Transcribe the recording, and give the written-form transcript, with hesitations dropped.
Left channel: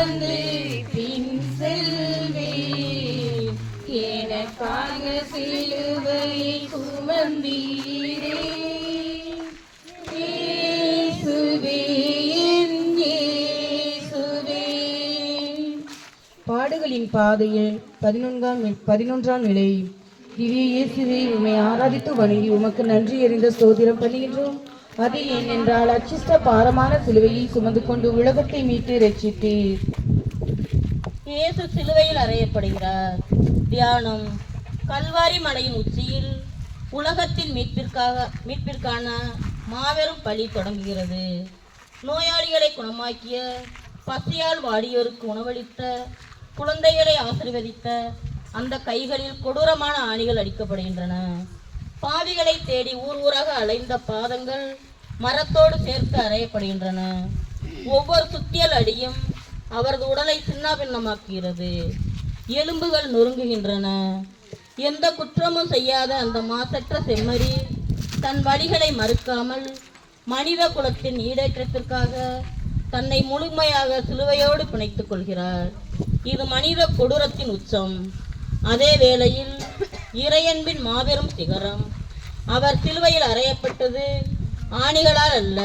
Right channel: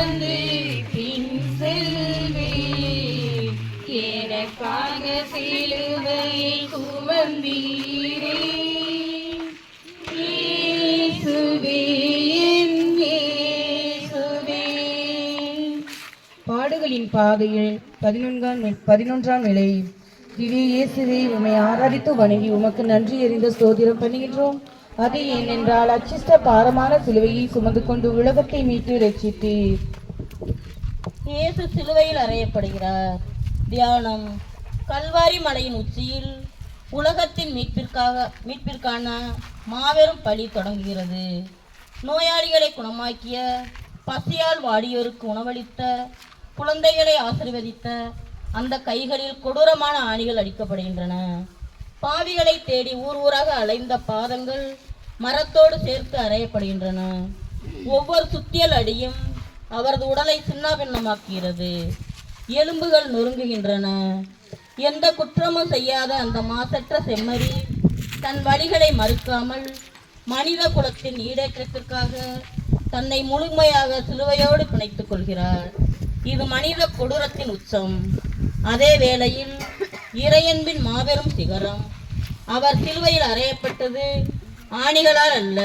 வந்து பின் செல்வே எனக்காக சிலுவை சுமந்தீரே இயேசுவே என் இயேசுவே. பாடுகளின் பாதையில் 11ஆம் நிலை. திவ்ய இயேசுவே, உம்மை ஆராதித்து வணங்கி உமக்கு நன்றி எறிந்த ஸ்தோத்திரம் பண்ணுகின்றோம். அது ஏனென்றால் அச்சிஷ்ட பாரமான சிலுவையை சுமந்து கொண்டு உலகத்தை மீட்டு ரட்சித்தீர். இயேசு சிலுவையில் அறையப்படுகிறார். தியானம். கல்வாரி மலையின் உச்சியில் உலகத்தின் மீட்பிற்கான மாபெரும் பலி தொடங்குகிறது. நோயாளிகளை குணமாக்கிய, பசியால் வாடியோருக்கு உணவளித்த, குழந்தைகளை ஆசீர்வதித்த அந்த கைகளில் கொடூரமான ஆணிகள் அடிக்கப்படுகின்றன. பாவிகளை தேடி ஊர் ஊராக அலைந்த பாதங்கள் மரத்தோடு சேர்த்து அறையப்படுகின்றன. ஒவ்வொரு சுத்தியல் அடியும் அவரது உடலை சின்னாபின்னமாக்குகிறது. எலும்புகள் நொறுங்குகின்றன. எந்த குற்றமும் செய்யாத அந்த மாசற்ற செம்மறி தன் வழிகளை மறுக்காமல் மனித குலத்தின் ஈடேற்றத்திற்காக தன்னை முழுமையாக சிலுவையோடு பிணைத்துக் கொள்கிறார். இது மனித கொடூரத்தின் உச்சம். அதே வேளையில் இறையன்பின் மாபெரும் சிகரம். அவர் சிலுவையில் அறையப்பட்டது ஆணிகளால் அல்ல,